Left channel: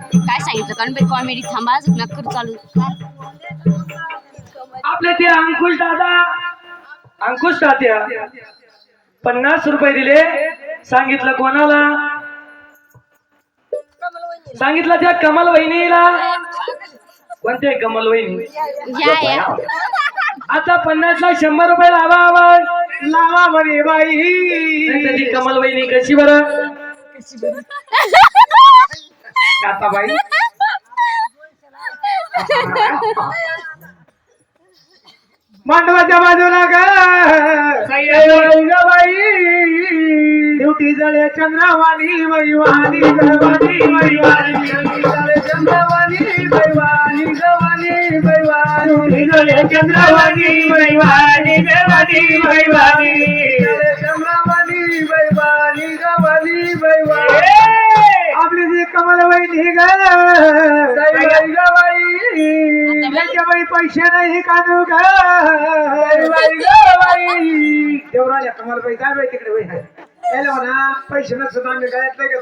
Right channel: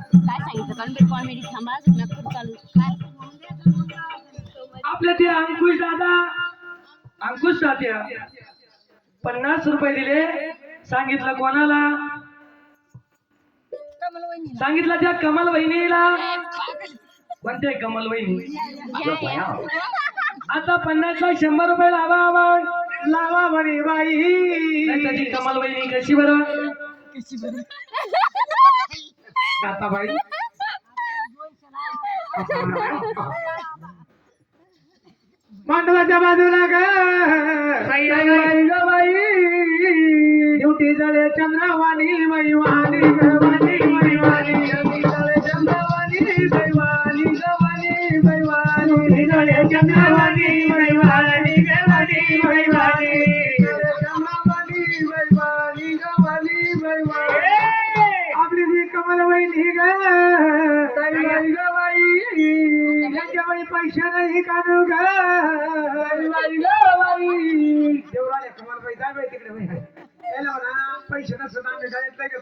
काय सांगितलं कारण कॉमेडी थांबा अजून नक्कर चालू काय आपले ते अंकुश तात्या 50 रुपये दिले. सांगितलं कोणाला? सांगितलं त्या कमल वहिनीला. कोणत्या कमल वहिनी? या आता 50 ला 100 रुपये लावा म्हणे बाई. ती कमल वहिनी कशी बरं? बाई मांडवाच्या बाजूला का बाई ड्युटी जळे चंद्रवाणी मैवानी गवानी मैवानी जळे चंद्रवाणी मैवानी गवानी मैवानी जळे चंद्रवाणी मैवानी गवानी मैवानी जळे चंद्रवाणी मैवानी गवानी मैवानी. आपली जी कमल वहिनी गवाई त्यांच्या बाई पैसे नाही काढू गवाई देवराजा कमल बाई काय बाई तिकडे त्याला म्हणा पैसे नसतात आम्ही गळ्यातलं घेतो.